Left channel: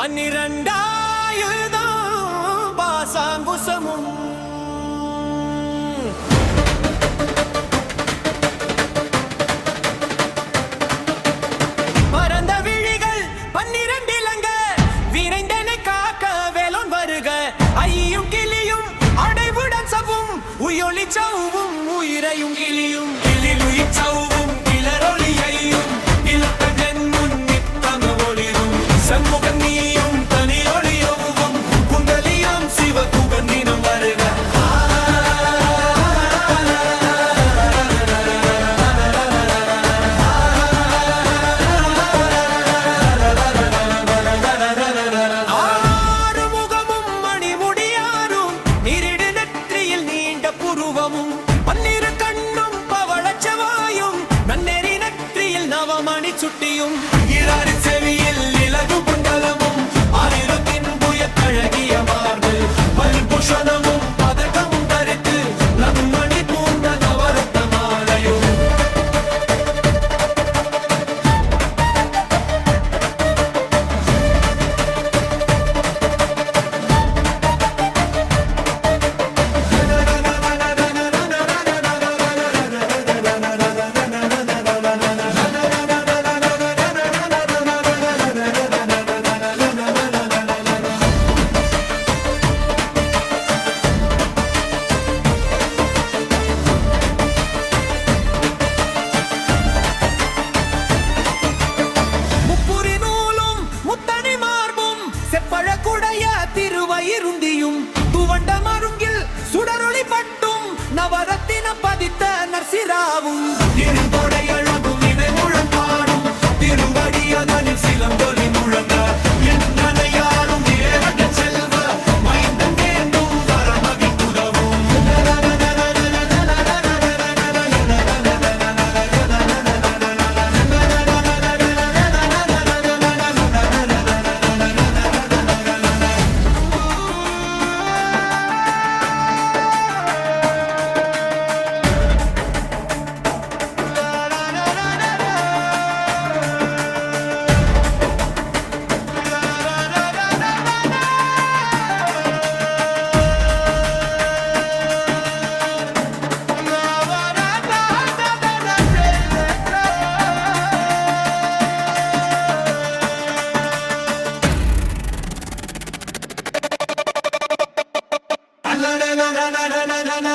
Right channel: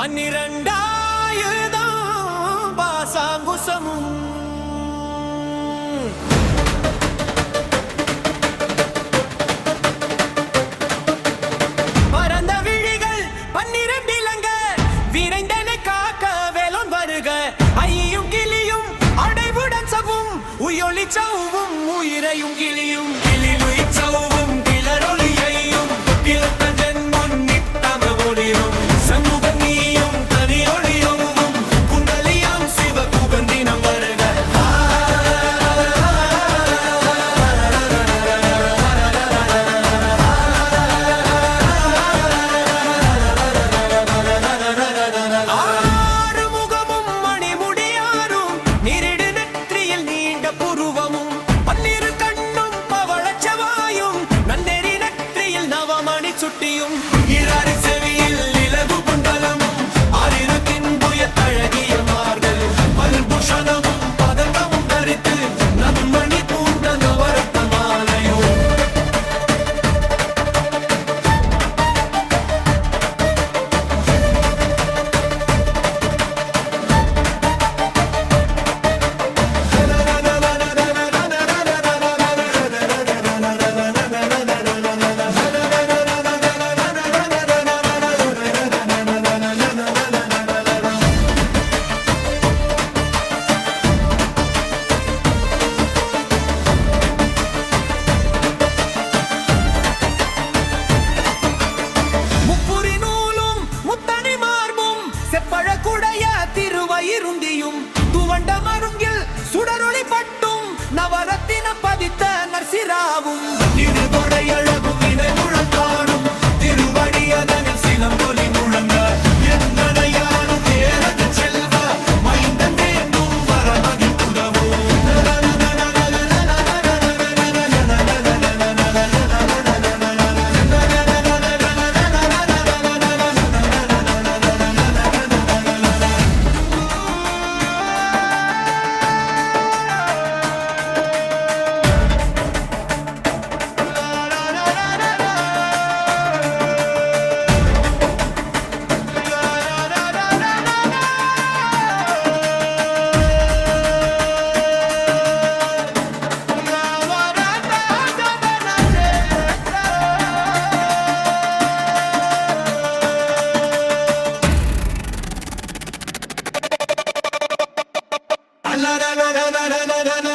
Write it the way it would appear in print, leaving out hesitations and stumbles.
12,000 பாசாங்குசமும் பரந்த விழிகள் 12 இலங்க விரைந்தனை காக்க வேலோன் வருக ஐயும் கிளியும் அடைவுடன் சவும் உயொலி சவும் உயிரையும் கிளியும் கிளிலுய் சவும் கிளரொலியையும் கிளத்தன் முன் நித்தம ஒளிரும் சமூகம் நீயும் தனி ஒளியவும் குண்டலியம் சிவ குகந்தினம் வருக ஆறுமுகமும் மணிமுடியாரும் நிரிடு நெற்றியில் நீண்ட புருவமும் 12 கண்ணும் பவளச்சவாயும் நன்னெறி நெற்றியில் நவமணி சுட்டியும் இராறு செவியில் இலகு புண்டலமும் ஆரிருத்தின் புயத்தழகிய மார்பில் பல்பூஷணமும் பதக்கமும் தரித்து நம்மணி பூண்ட நவரத்ன மாலையும் முப்புரி நூலும் முத்தணி மார்பும் செப்பழக்குடைய திருவயிருந்தியும் துவண்ட மருங்கில் சுடரொளி பட்டும் நவரத்தின பதித்த நர்சிராவும் திருதொடை அழகும் இணை முழங்காடும் திருவடி அதனில் சிலம்பொலி முழங்க எந்தனையாலும் ஏறக செல்வ மைந்த தேர்ந்தும் வரமகி புதவும் na na na na na na na